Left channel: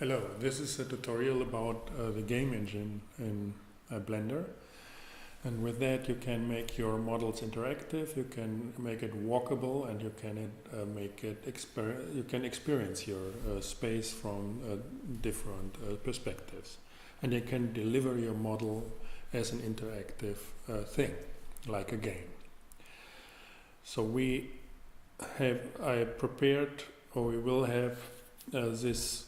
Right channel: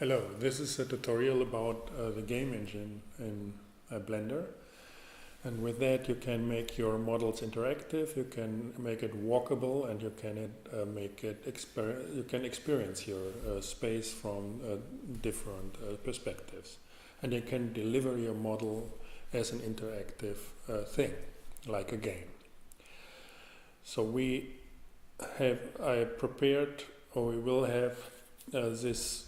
Hello, this is a tutorial about the game engine in Blender, and with that you can make your models interactive, you can make it walkable, and you can make it you can experience your space from different perspectives, and you can deliver your model as an interactive thing, like a game. So I prepared, or we will have this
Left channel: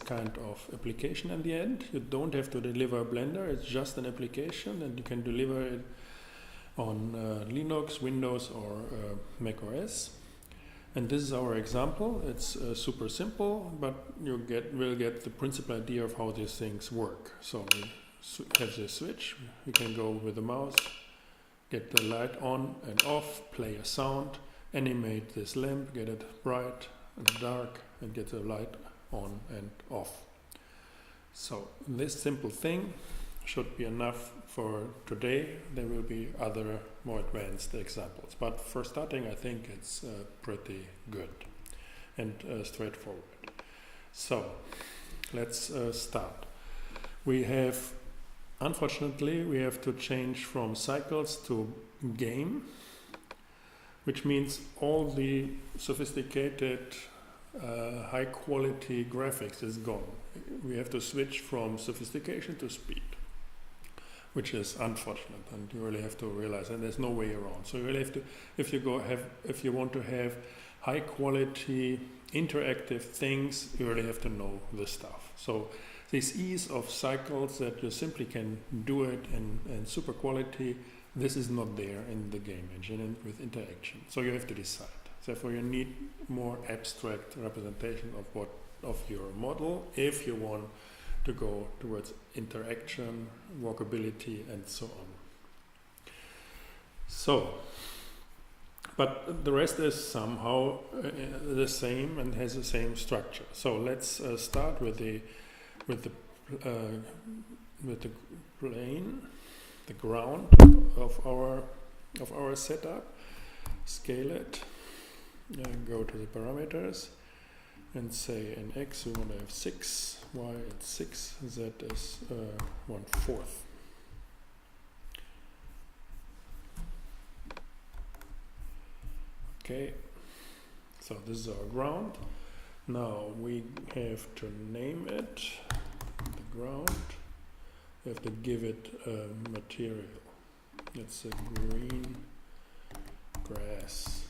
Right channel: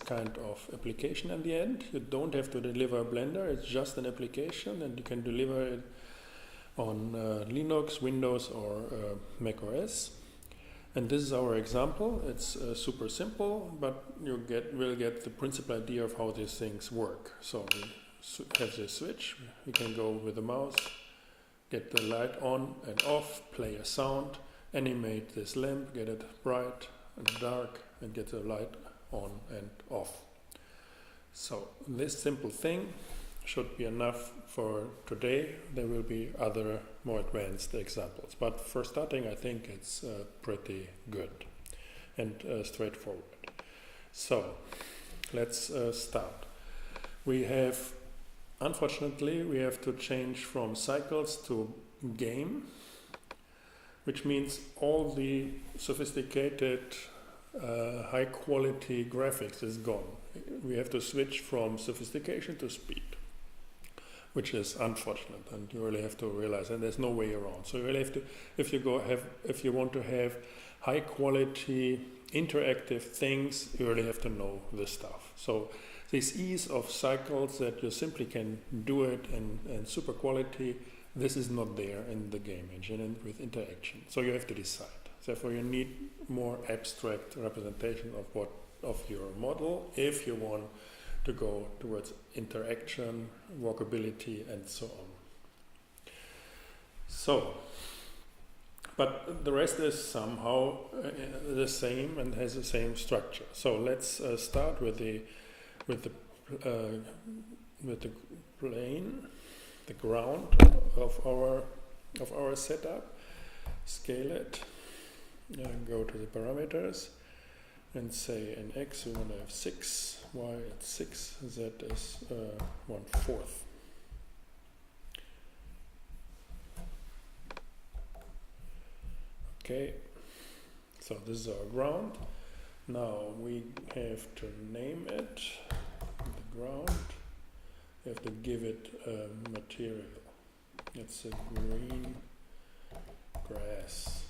kind of application at the end. You don't have to deliver Blender, it's just an application, and you can deliver it on Linux, Windows, or Mac OS. And this is our example. It's super simple, but you will get the principal idea of how these things work. So we have this switch, we can go with the mouse, get the light on and off, play a sound, animate this lamp, get it bright and dark, and get the light on and off. So this simple thing should be enough for today. There will be other more advanced examples, but for starting I think it's pretty good and straightforward. So let's start. Unfortunately we have to change from cycles to game, which means all the sophisticated high quality graphics is gone. We have to switch from sophistication to speed, which is unfortunate, and you really have to realize, and there's no way around. So you really have to, if you want to have high quality interactive things, you really have to know this stuff. So this ease of cycles that you simply can do it in super quality, this is not there in the game engine and with interaction. So you have to decide. Therefore, you need more abstract representation of your model if you want to go towards interaction, walkability, and so on. So, but the rest is somehow the same and has the same structure. So let's start with the plane, the ground of our setup. Scale it. Go to the parameters and say in X we want to have 6, Y it's 6, Z is 1/4. Okay, so this is our ground. Now we have to name it, the ground. We have to give it a material. It's a green grass.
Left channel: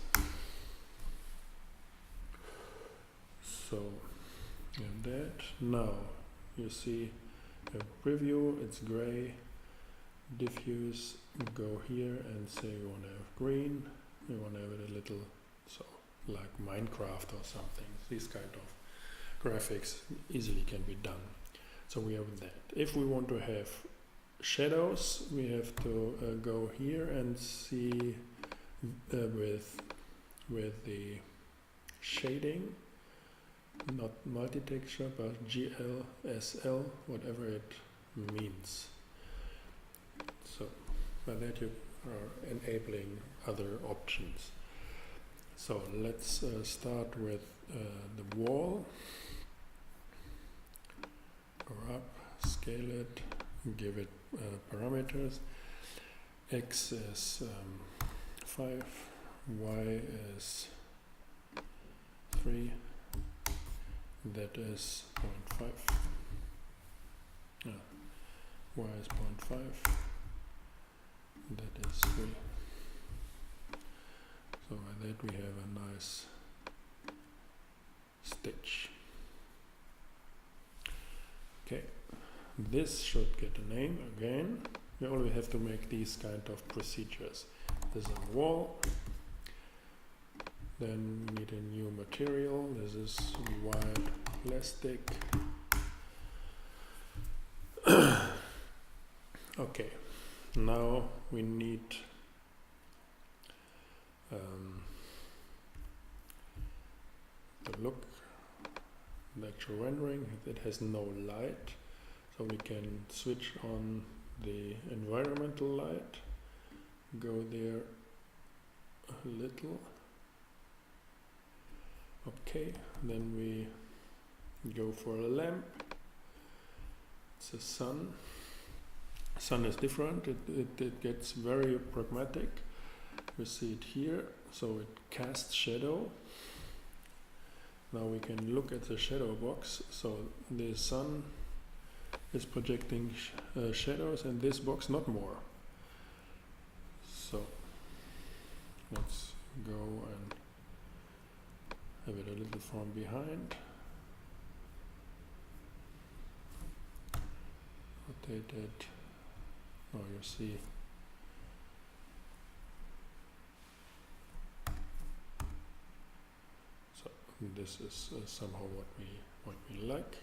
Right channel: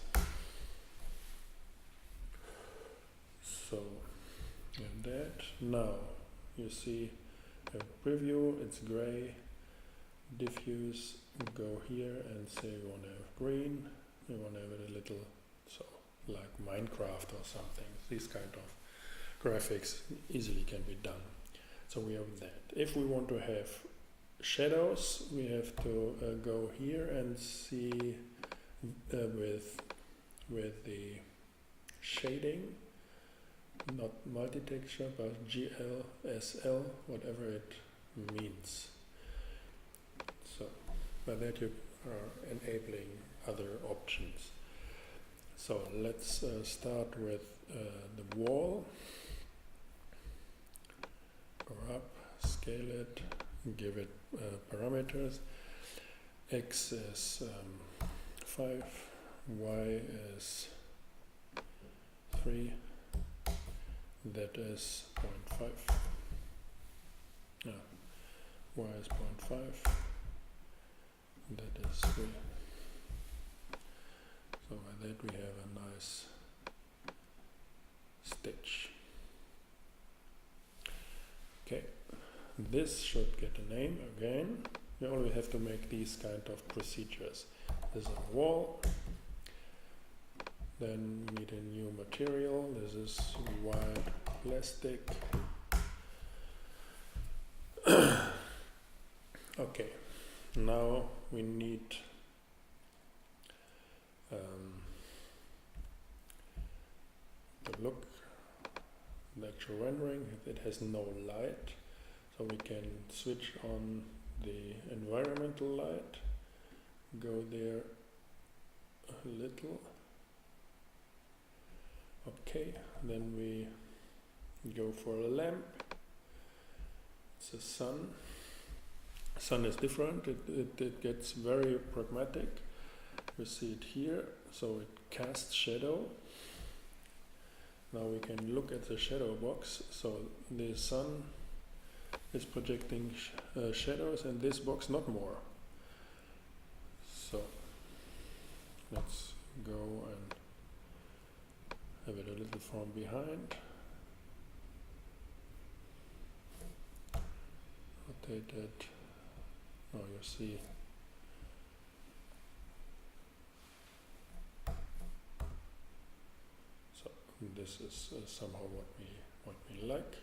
So, and that, now you see a preview, it's gray, diffuse, go here and say we want to have green, we want to have it a little, so like Minecraft or something. These kind of graphics easily can be done. So we have that. If we want to have shadows, we have to go here and see with the shading, not multi-texture, but GL, SL, whatever it means. So by that you are enabling other options. So let's start with the wall. Go up, scale it, give it parameters. X is 5, Y is 3, that is 0.5, Y is 0.5, that is 3. So by that we have a nice stitch. Okay, this should get a name again. We only have to make these kind of procedures. This is a wall. Then we need a new material. This is wired plastic. Okay, now we need to look the actual rendering. It has no light, so we can switch on the environmental light, go there a little. Okay, then we go for a lamp. It's a sun. Sun is different. It gets very pragmatic. We see it here. So it casts shadow. Now we can look at the shadow box. So the sun is projecting shadows, and this box not more. So let's go and have it a little from behind. Rotate it. Now you see so this is somehow what we like.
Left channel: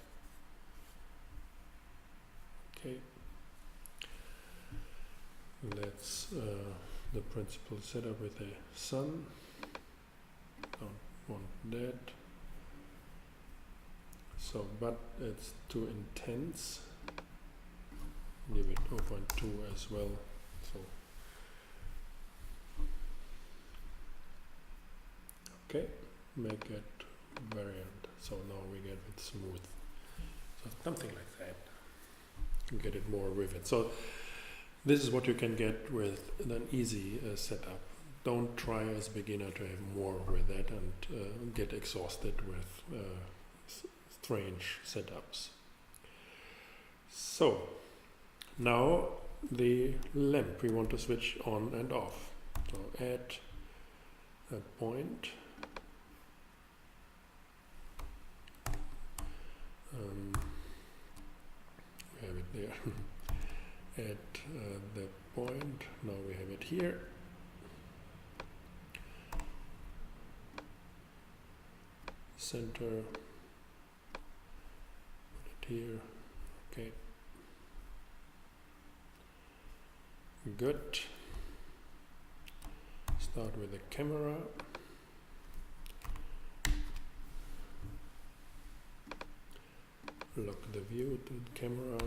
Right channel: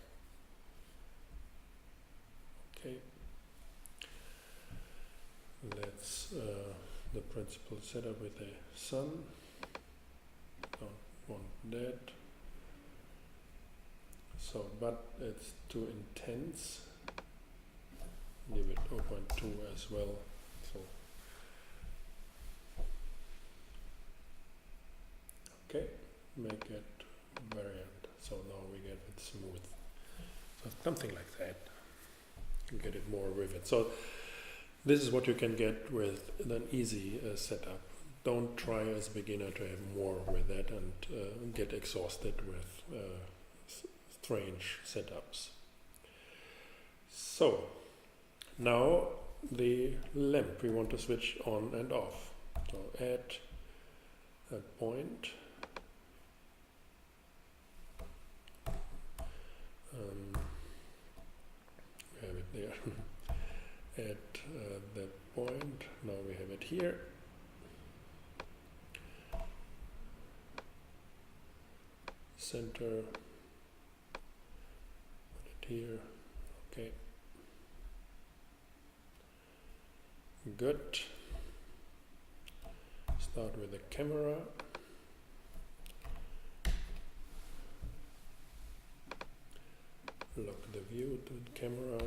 Okay, let's the principal setup with a sun. Don't want that. So, but it's too intense. Give it 0.2 as well. So, okay, make it variant. So now we get it smooth. So something like that. Get it more vivid. So this is what you can get with an easy setup. Don't try as a beginner to have more with that and get exhausted with strange setups. So now the lamp we want to switch on and off. So add a point. We have it there. At the point, now we have it here. Center, put it here. Okay. Good. Start with the camera. Lock the view to the camera.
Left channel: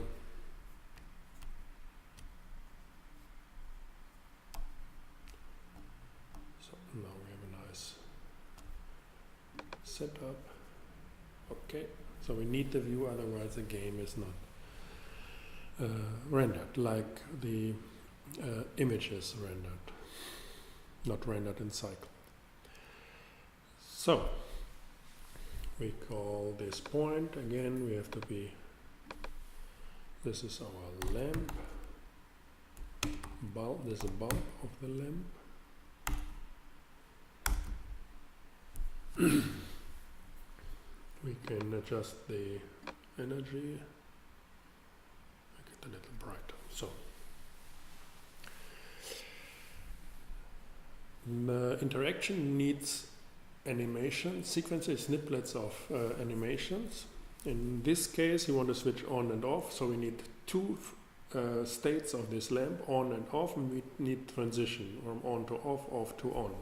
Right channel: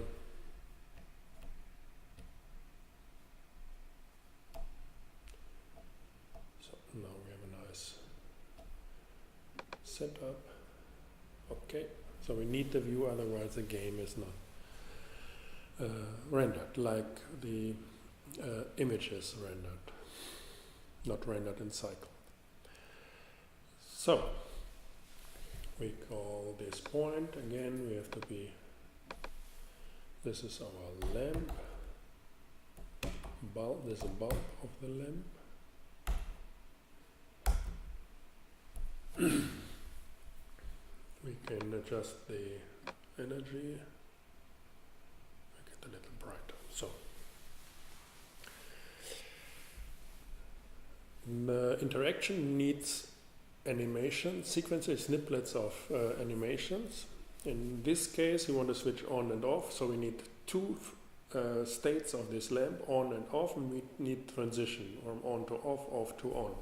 So now we have a nice setup. Okay, so we need the view, otherwise the game is not rendered like the image is rendered, not rendered in cycle. So we call this point again. We have to be. This is our lamp. Bulb. There's a bulb of the lamp. We can adjust the energy. Make it a little brighter. So the interaction needs animation sequences, snippets of animations. In this case, you want to switch on and off, so we need two states of this lamp, on and off, and we need transition from on to off, off to on.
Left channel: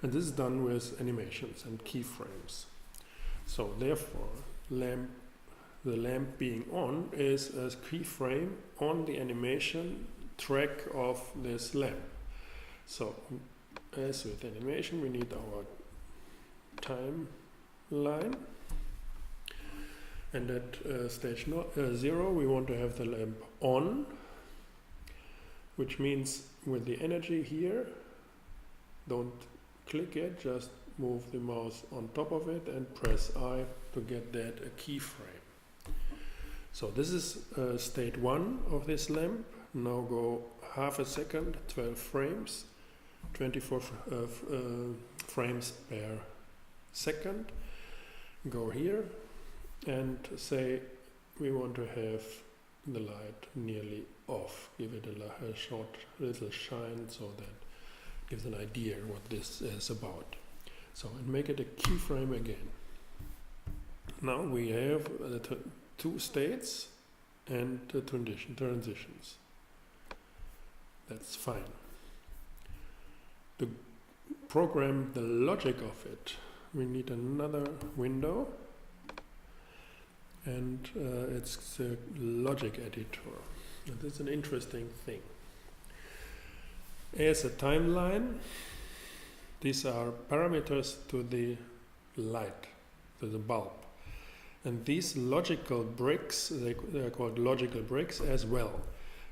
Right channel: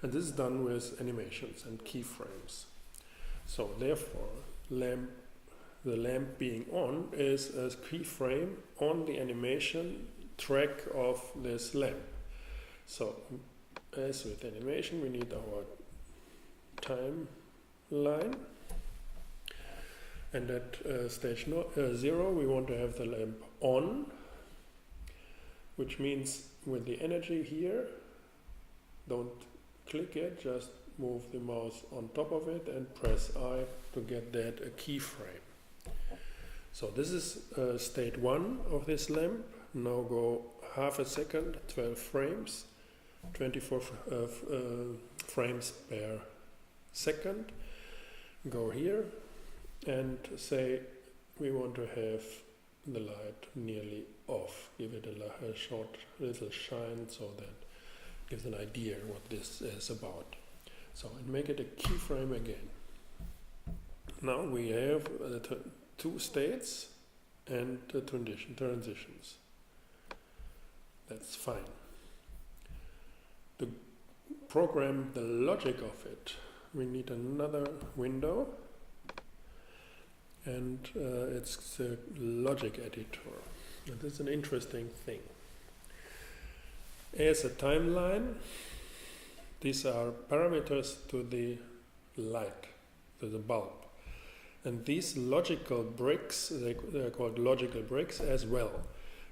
And this is done with animations and keyframes. So therefore, the lamp being on is a keyframe on the animation track of this lamp. So as with animation, we need our timeline, and at stage 0 we want to have the lamp on, which means with the energy here, don't click it, just move the mouse on top of it and press I to get that a keyframe. So this is state 1 of this lamp. Now go half a second, 12 frames, 24 frames per second. Go here and say we want to have the light nearly off. Give it a short little shine so that gives an idea what this is about. So, and make it a keyframe again. Now we have the two states and the transitions. That's fine. To program the logic of it, we need another window, and it's the logic editor. And this is an interesting thing. As a timeline, these are parameters to the light, to the bulb. And these logical bricks, they're called logical bricks as well.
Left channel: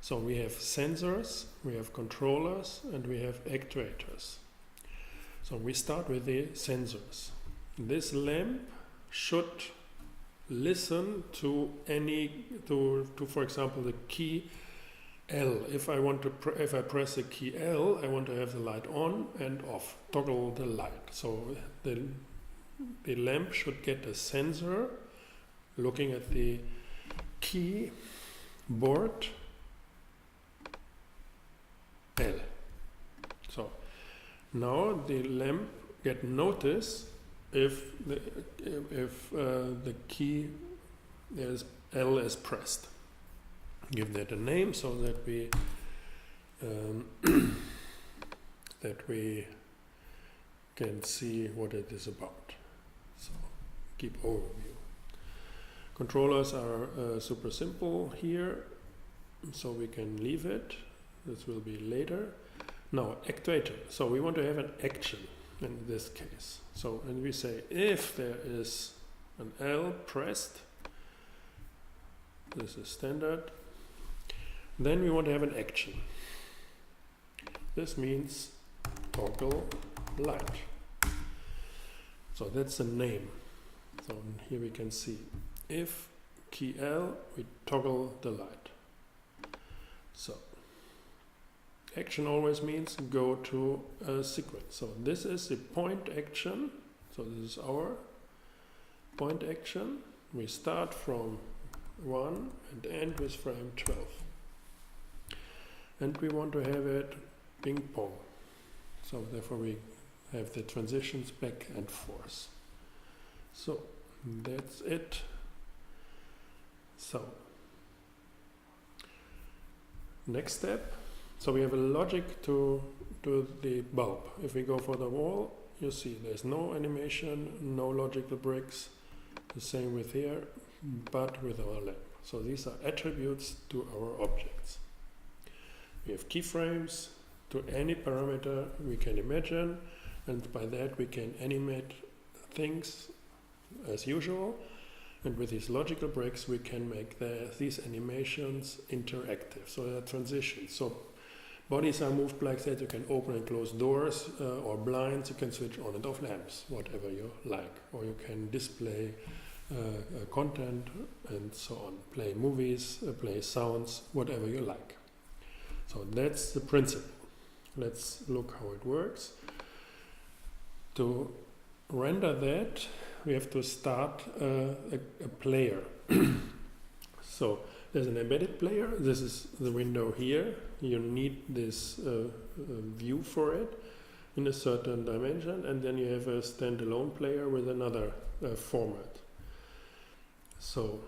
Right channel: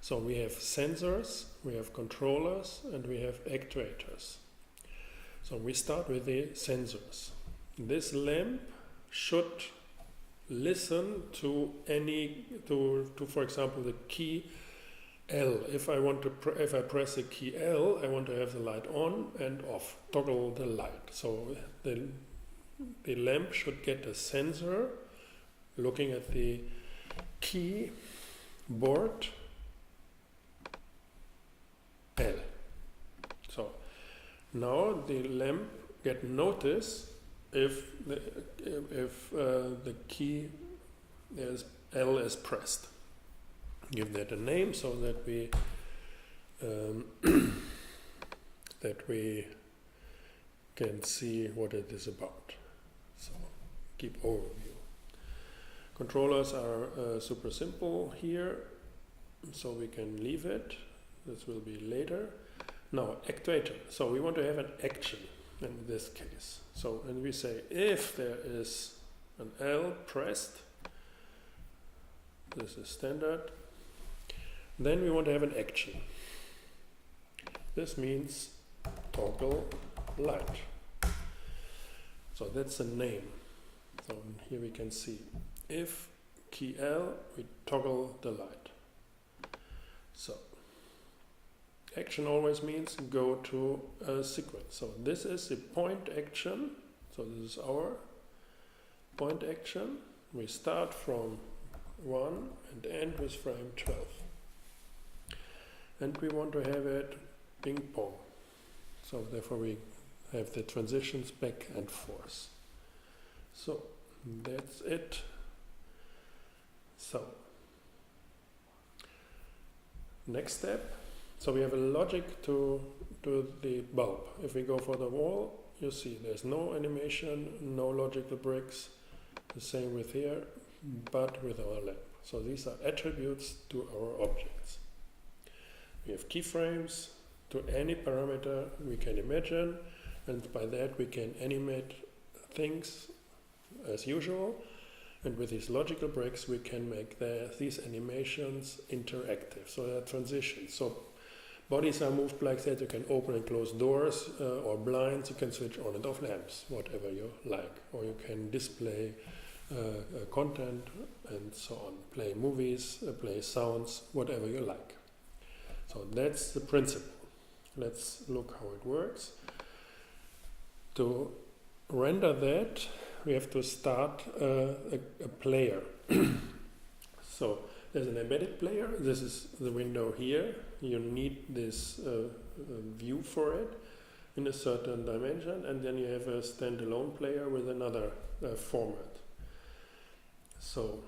So we have sensors, we have controllers, and we have actuators. So we start with the sensors. This lamp should listen to for example, the key L. If I press the key L, I want to have the light on and off, toggle the light. So the lamp should get a sensor looking at the keyboard L. So now the lamp get notice if the key L is pressed. Give that a name so that we can see what it is about. So keep overview. Controllers are super simple here, so we can leave it. This will be later. Now actuator. So we want to have an action in this case. So and we say if there is an L pressed, this is standard, then we want to have an action. This means toggle light. So that's the name. So here we can see if key L, we toggle the light. So action always means go to a sequence. So this is the point action. So this is our point action. We start from 1 and end with frame 12. And we want to have it ping pong. So therefore we have the transitions back and forth. So that's it. So next step. So we have a logic to the bulb. If we go for the wall, you see there's no animation, no logical bricks. The same with here, but with our lamp. So these are attributes to our objects. We have keyframes to any parameter we can imagine, and by that we can animate things as usual. And with these logical bricks we can make these animations interactive. So there are transitions. So bodies are moved like that. You can open and close doors or blinds. You can switch on and off lamps, whatever you like. Or you can display content and so on. Play movies, play sounds, whatever you like. So that's the principle. Let's look how it works. To render that, we have to start a player. So there's an embedded player. This is the window here. You need this view for it in a certain dimension, and then you have a standalone player with another format. So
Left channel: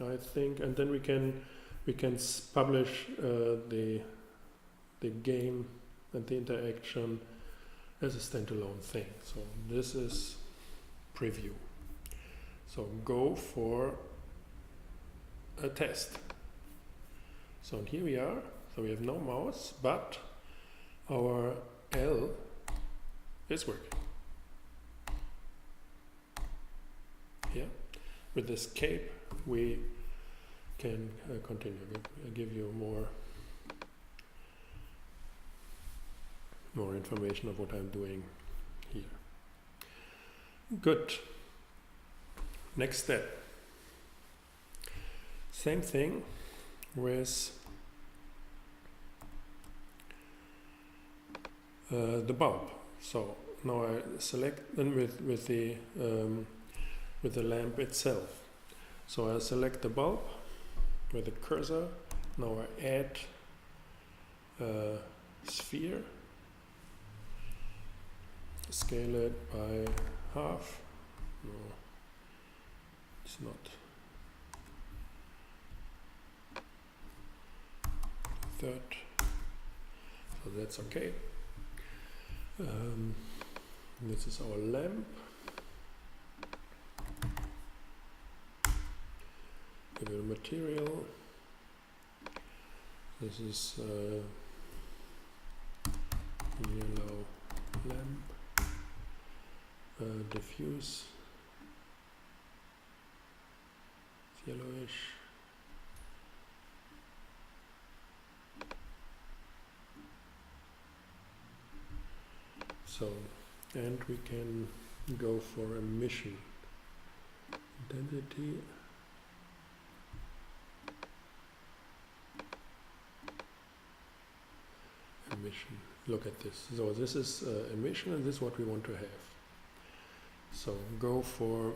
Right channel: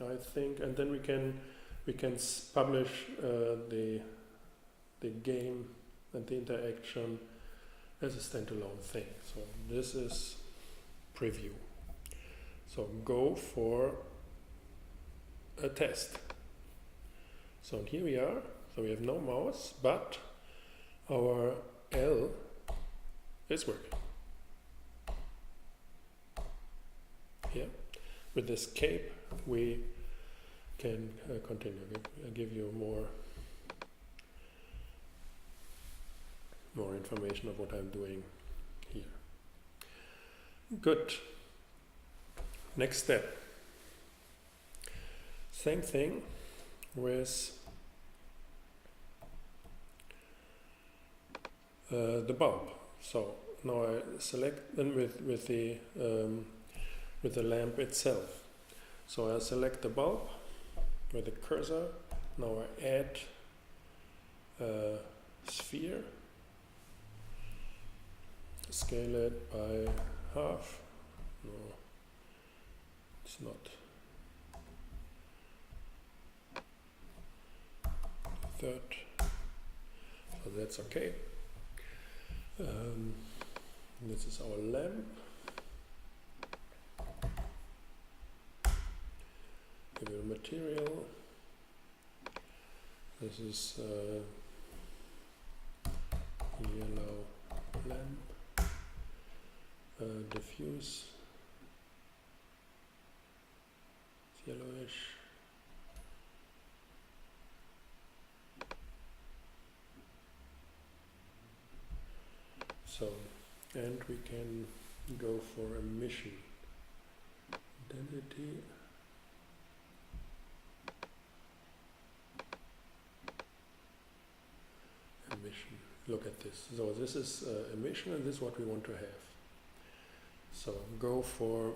I think, and then we can publish the game and the interaction as a standalone thing. So this is preview. So go for a test. So here we are. So we have no mouse, but our L is working. Here, with escape, we can continue. I'll give you more information of what I'm doing here. Good. Next step. Same thing with the bulb. So now I select then with the lamp itself. So I select the bulb with the cursor. Now I add a sphere. Scale it by half. No, it's not. Third. So that's okay. This is our lamp. Give it a material. This is yellow lamp. diffuse, it's yellowish. So, and we can go for emission intensity. Emission. Look at this. So this is emission, and this is what we want to have. So go for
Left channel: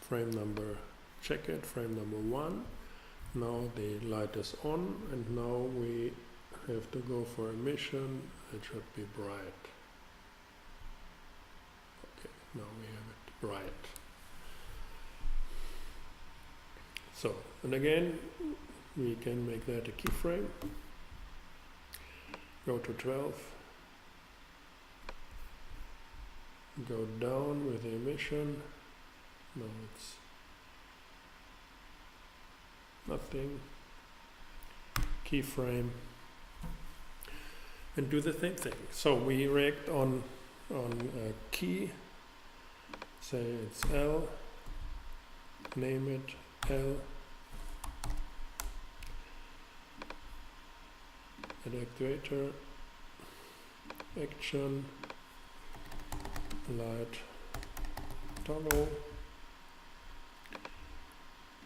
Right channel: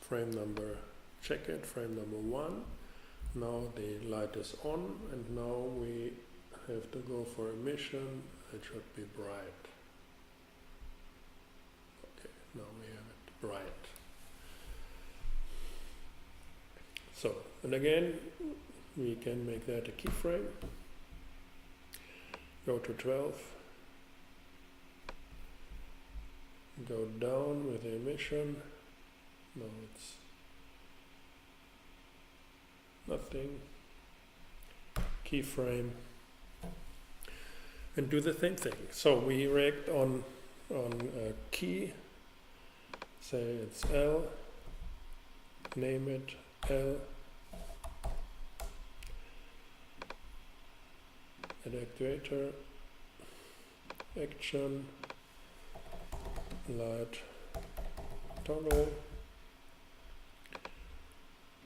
frame number, check it, frame number 1. Now the light is on, and now we have to go for emission. It should be bright. Okay, now we have it bright. So, and again, we can make that a keyframe. Go to 12. Go down with the emission. No, it's nothing. Keyframe. And do the same thing. So we react on a key. Say it's L. Name it L. Add actuator. Action. Light. Toggle.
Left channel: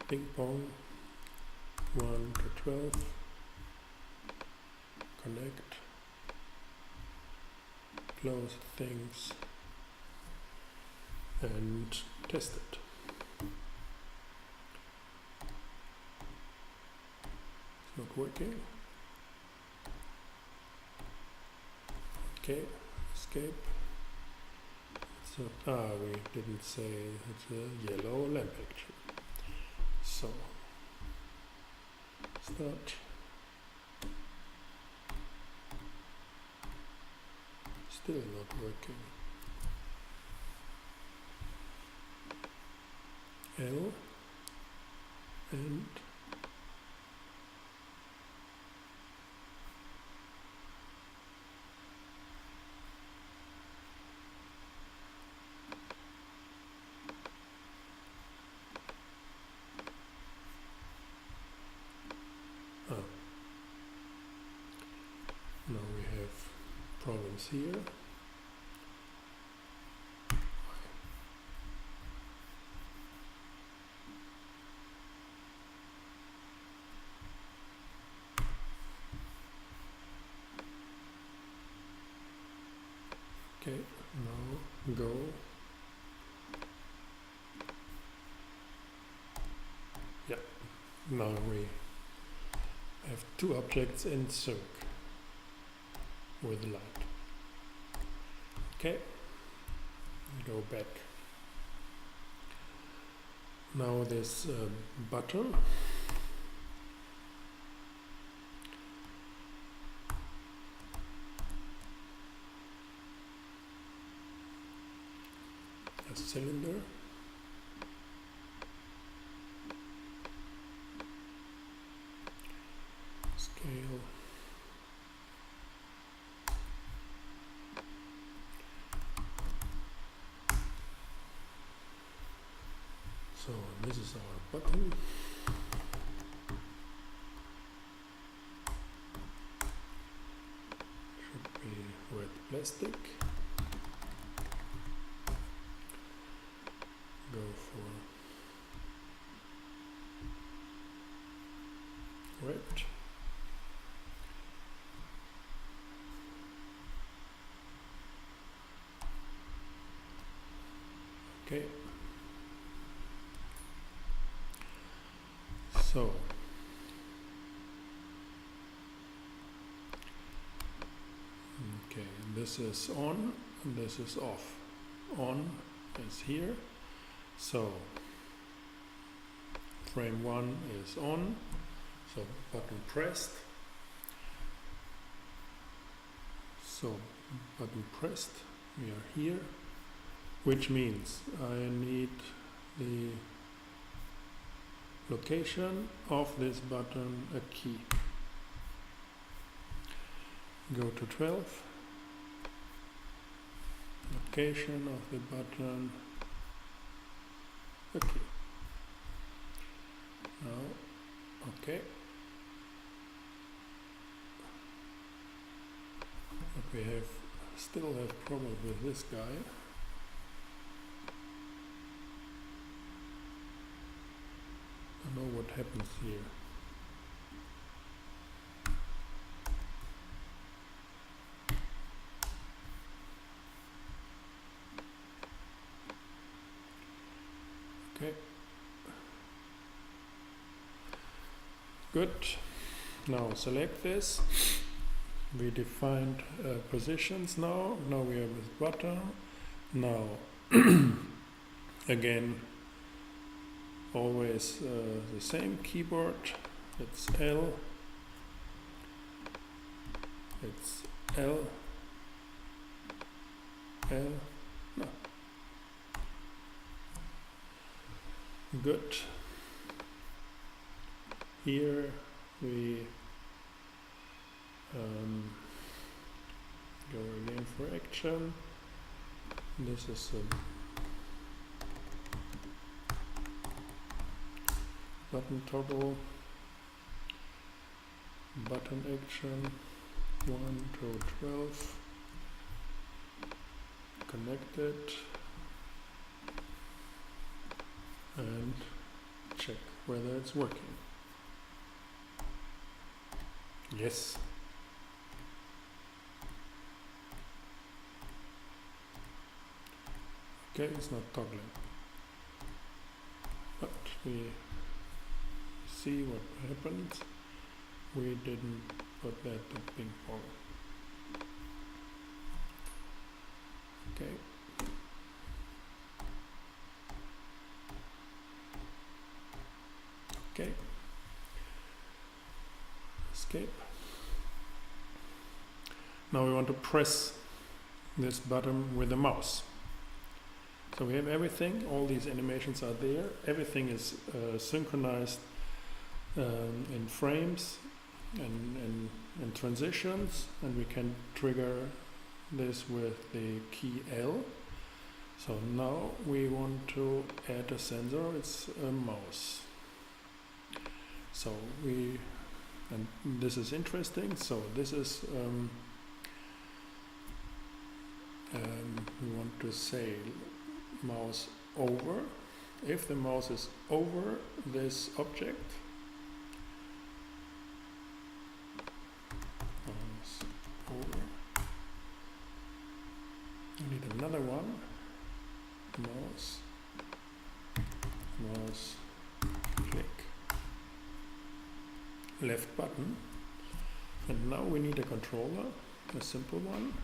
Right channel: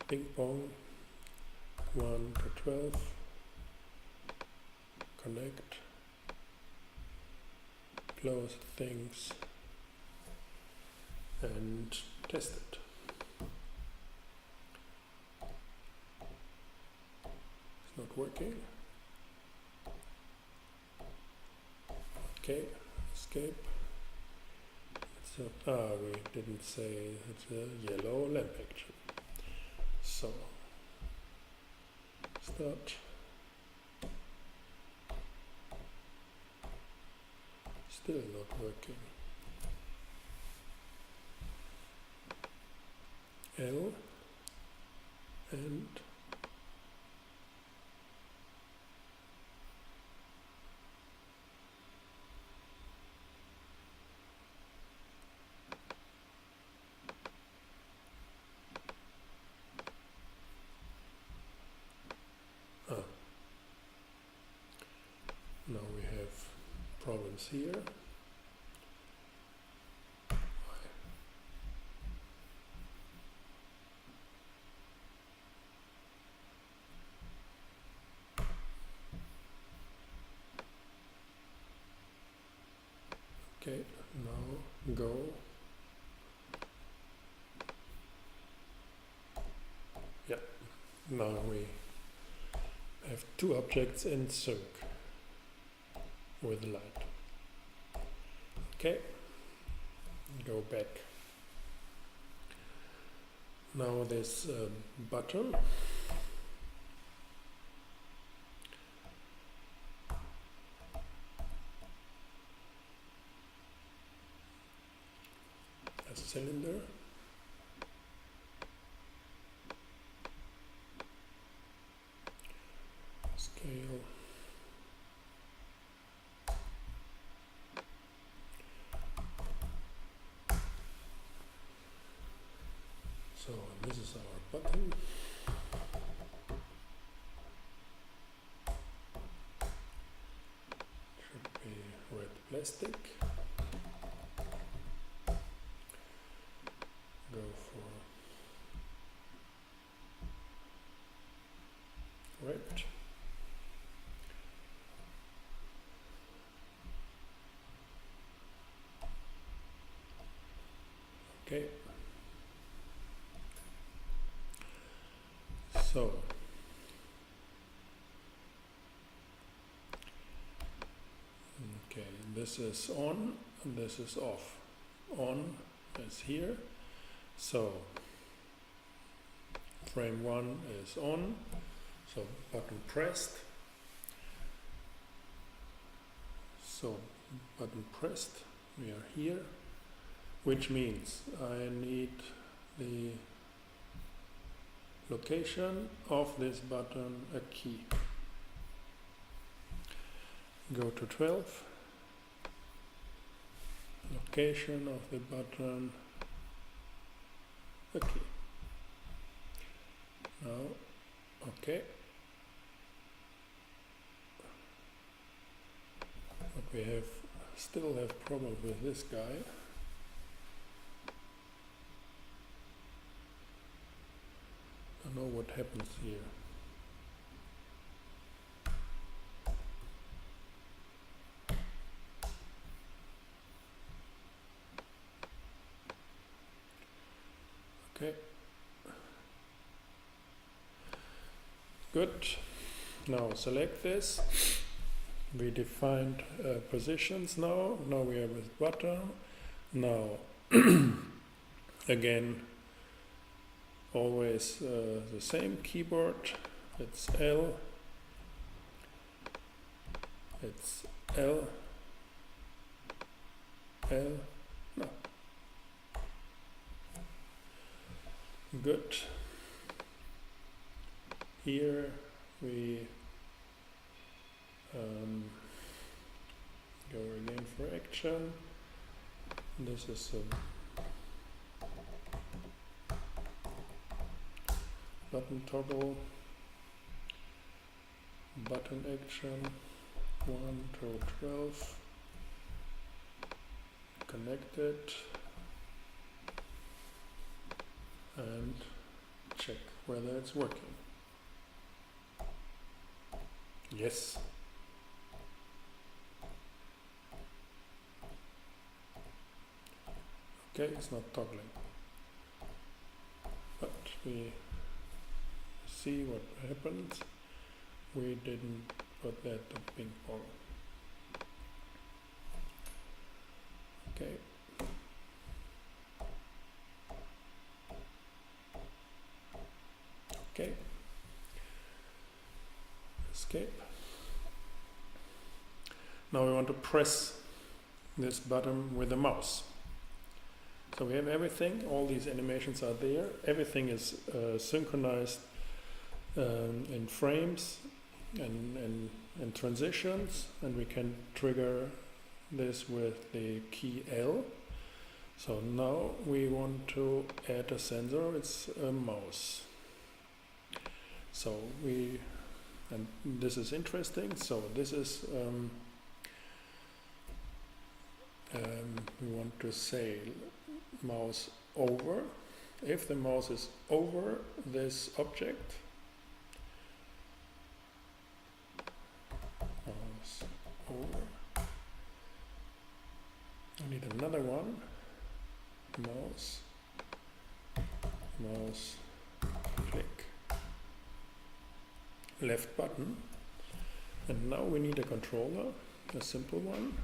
Ping pong. 1 to 12. Connect. Close things and test it. It's not working. Okay, escape. It's a, we didn't say it's a yellow lamp action. So start. Still not working. L and now we have problems here. Okay, now go. Yeah, now we have two objects in sync with the light. Okay, go back. Now this button. A cylinder. Scale. So this is our button. Should be red plastic. Go for red. Okay. So okay, this is on and this is off. On is here. So frame 1 is on, so button pressed. So button pressed, we are here, which means I need the location of this button, a key. Go to 12 location of the button. Okay. Now, okay. But we still have problem with this guy. I don't know what happens here. Okay. Good. Now select this. We defined positions now. Now we are with button. Now again, always the same keyboard. It's L. It's L. L. No. Good. Here we go again for action. This is a button toggle, button action, 1 to 12, connected, and check whether it's working. Yes. Okay, it's not toggling. But we see what happened. We didn't put that to ping pong. Okay. Okay. Escape. Now we want to press this button with the mouse. So we have everything, all these animations are there, everything is synchronized in frames and transitions, and we can trigger this with the key L. So now we want to add a sensor, it's a mouse. So and this is interesting, so this is, we want to say mouse over. If the mouse is over this object, mouse over, I need another one, mouse click, left button, and now we need a controller, a simple one.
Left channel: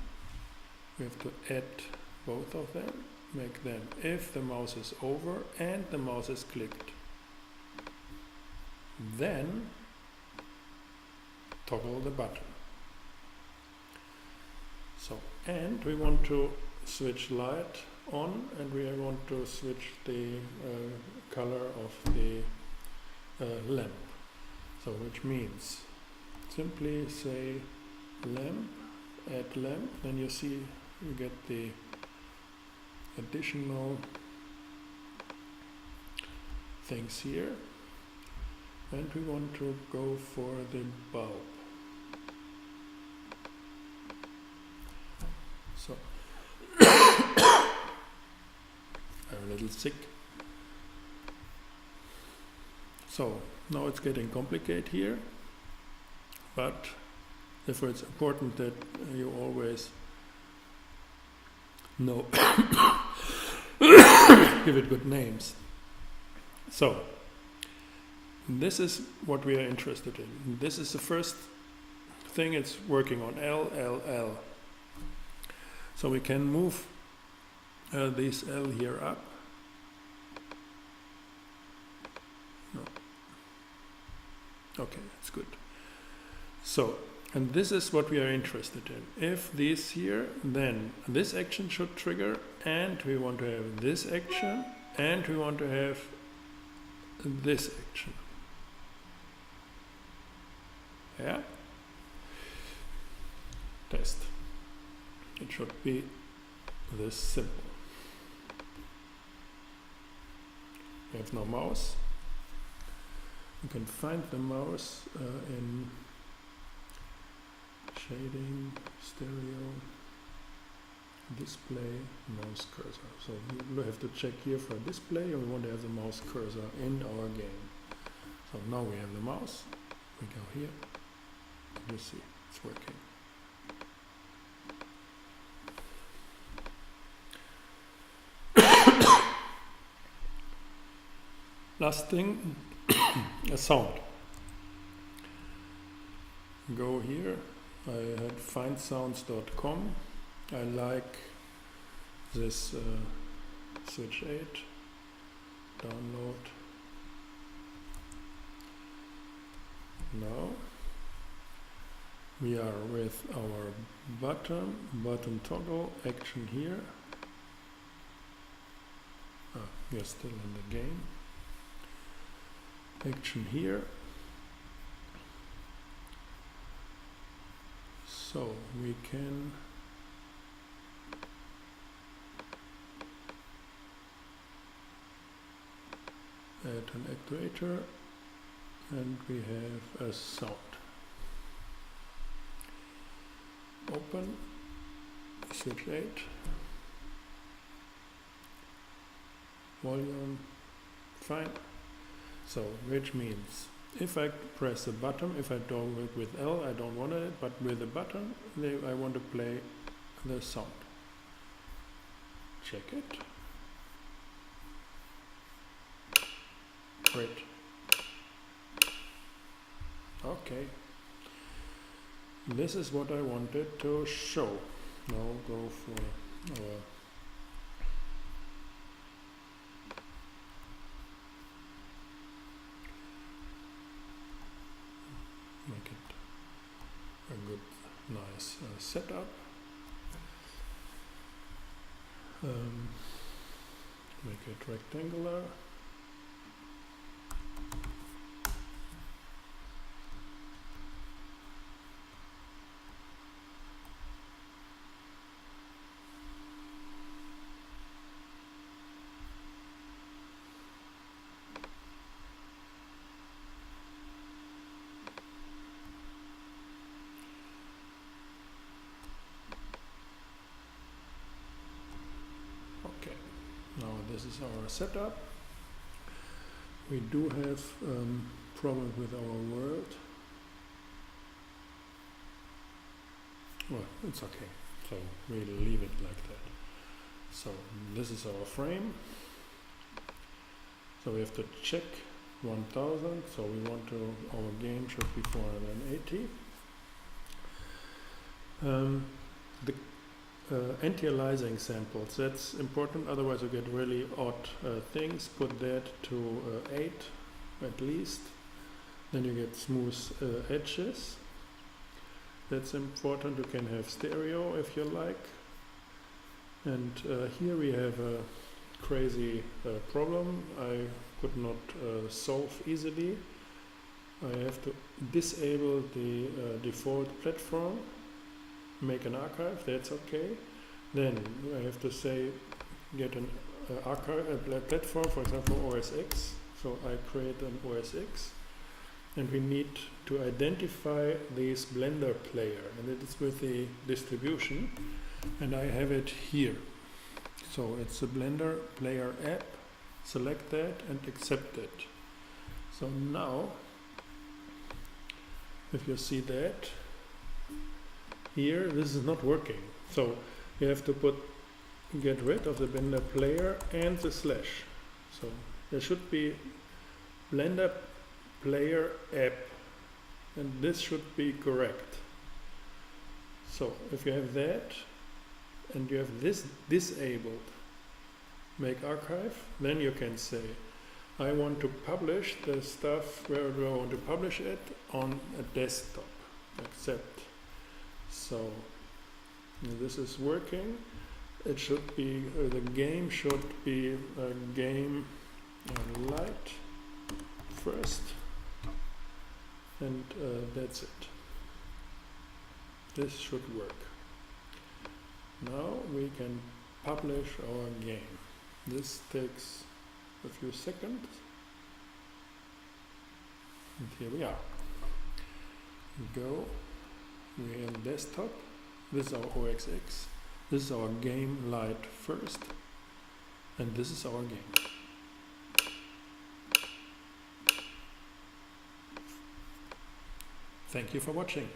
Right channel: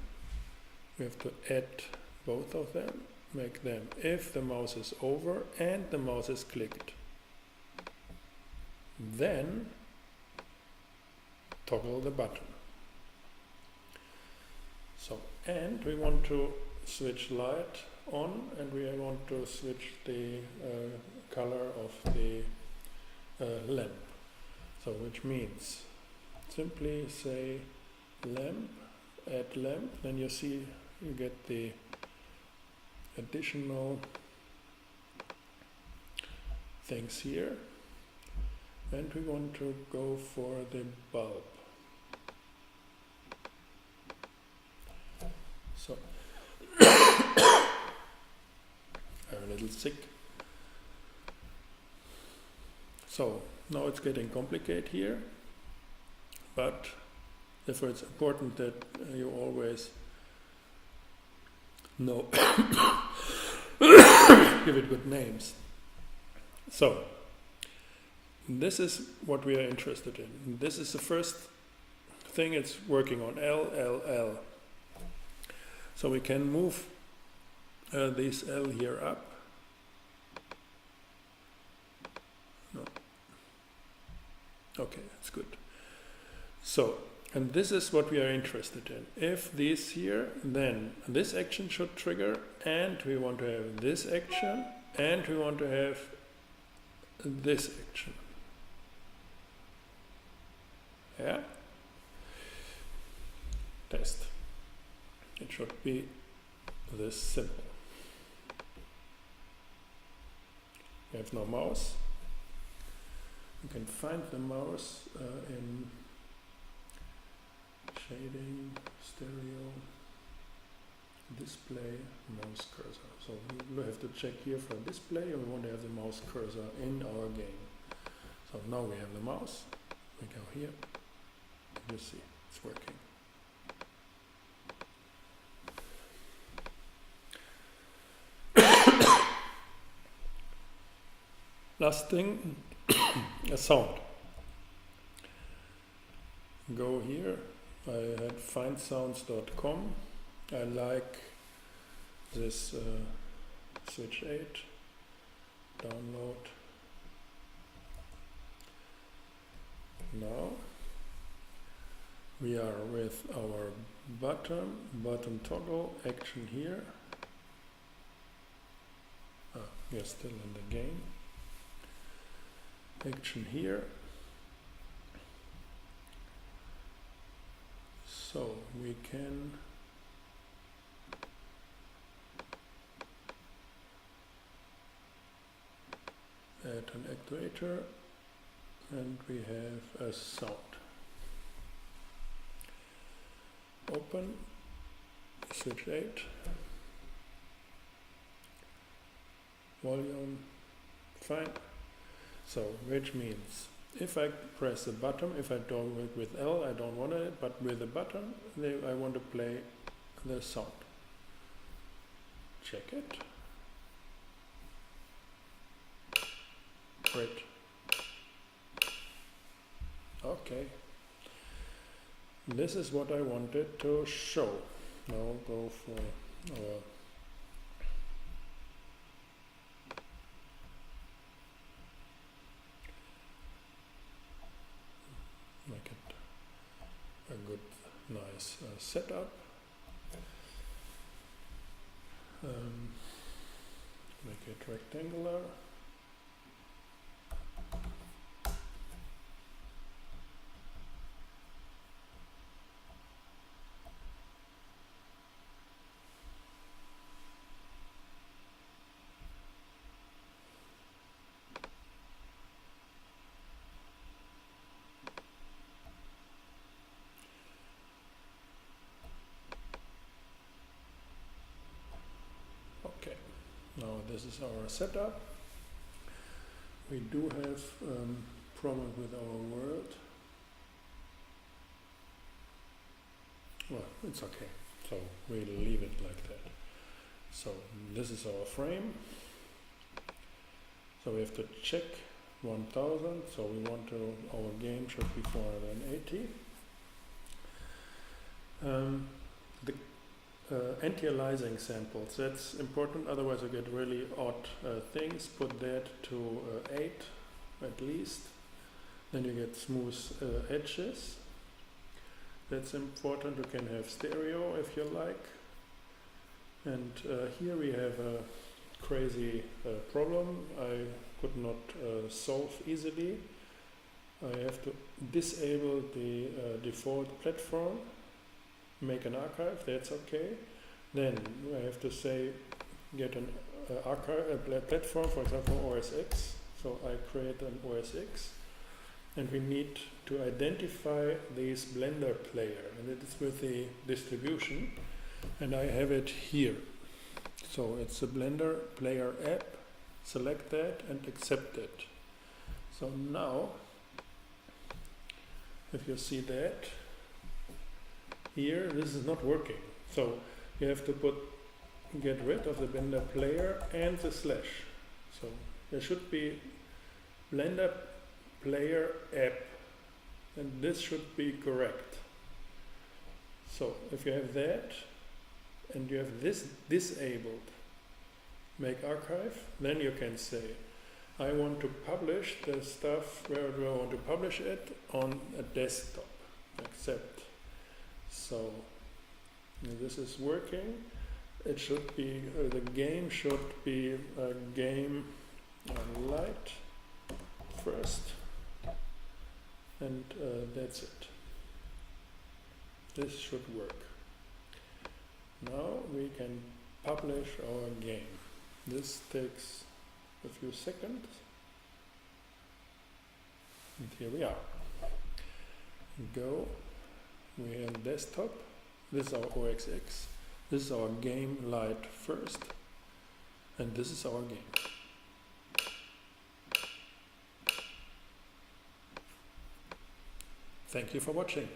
We have to add both of them, make them if the mouse is over and the mouse is clicked. Then toggle the button. So, and we want to switch light on, and we want to switch the color of the lamp. So, which means simply say lamp, add lamp, then you see you get the additional things here, and we want to go for the bulb. So I'm a little sick. So now it's getting complicated here, but therefore it's important that you always know give it good names. So this is what we are interested in. This is the first thing it's working on, L, L, L. So we can move this L here up. No. Okay, that's good. So, and this is what we are interested in. If this here, then this action should trigger, and we want to have this action, and we want to have this action. Yeah? Test. It should be this simple. We have no mouse. You can find the mouse in shading, stereo, display, mouse cursor. So we have to check here for display, and we want to have the mouse cursor in our game. So now we have the mouse. We go here. You see, it's working. Last thing, a sound. Go here. I had findsounds.com. I like this switch 8. Download. Now we are with our button toggle action here. We are still in the game. Action here. So we can add an actuator, and we have a sound. Open, switch 8, volume, fine. So, which means if I press the button, if I do it with L, I don't want it, but with the button, I want to play the sound. Check it. Great. Okay. This is what I wanted to show. Now go for our make it a good, nice setup. Make it rectangular. Okay, now this is our setup. We do have problem with our world. Well, it's okay. So we'll leave it like that. So this is our frame. So we have to check 1000. So we want to, our game should be 480. The anti-aliasing samples, that's important, otherwise you get really odd things. Put that to 8 at least, then you get smooth edges. That's important. You can have stereo if you like. And here we have a crazy problem I could not solve easily. I have to disable the default platform, make an archive, that's okay. Then I have to say get an archive, a platform, for example OS X. So I create an OS X, and we need to identify this Blender player, and it is with the distribution, and I have it here. So it's a Blender player app, select that and accept it. So now, if you see that, here this is not working. So you have to get rid of the Blender player and the slash. So there should be Blender player app, and this should be correct. So if you have that and you have this disabled, make archive, then you can say I want to publish the stuff, where do I want to publish it? On a desktop. Accept. So this is working. It should be, the game should be a game light first, and that's it. This should work. Now we can publish our game. This takes a few seconds. And here we are. We're on desktop. This is our OXX. This is our game light first. And this is our game. Thank you for watching.